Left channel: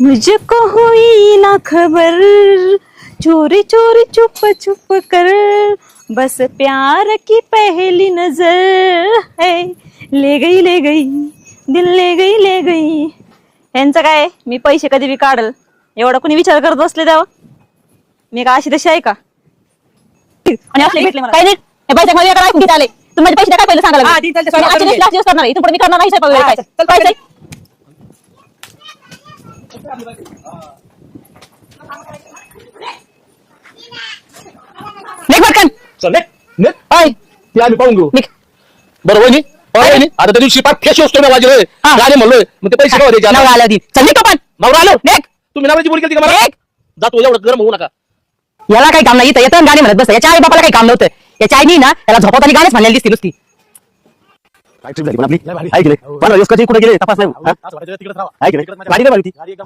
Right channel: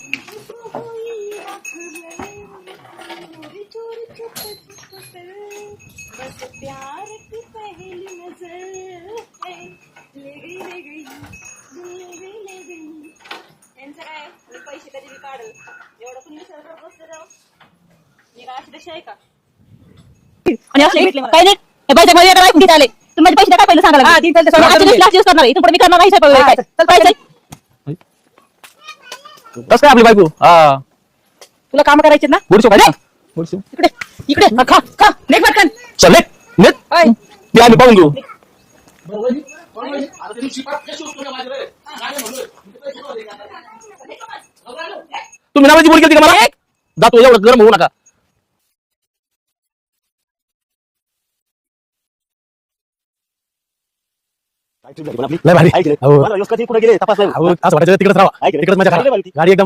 मुझको हुई ना खबर, चोरी चोरी चुप चुप कर, बस प्यार की पहली नजर है, ले गई दिल ले गई. यांचं काय, मी पैसे कधी बी काढल एवढा कोणी विचार करत बसले तेव्हा. मी का अशी तशी आहे का? आणि असले भेटले मला. काय नाही हे बाईच्या मध्ये काय कुठे आले तुम्ही माझे पैसे काय पहिले सांगा करणार आहे इथून पुढे मी करणार नाही साहेब वगैरे काय कसं काय आपली बायको हा तुला काम करायचे ना बुडशो काय इकडे इकडे खा खा लेख पटकन चल नेट काय ते आम्ही पाहून घेऊ बरं वहिनी आता त्या दिवशी पाच फेशी असतो ना वाजलोय गाणे म्हणलोय मग ते पैसे द्यायचे नवरा आला होती चल निघ पण नवरा आलो नेक तुम्ही नावाची बोल केली का मला जातो एवढं गरम होऊ नका याला काही काम नाही इथं येतं गाणे म्हणत बस याच्या आई बापाला काही काम नव्हतं याच्या आईनी ना त्याला झोपवताना गाणेच म्हणलेली दिसती नुसती काय ट्रिप झाली पण आपली लय भारी ऐकले मला यसकाची कुठे गेले तपास नाही असं वाटायचं तिकडेच राहा ऐकले तिकडेच माझ्या गाडी एकदम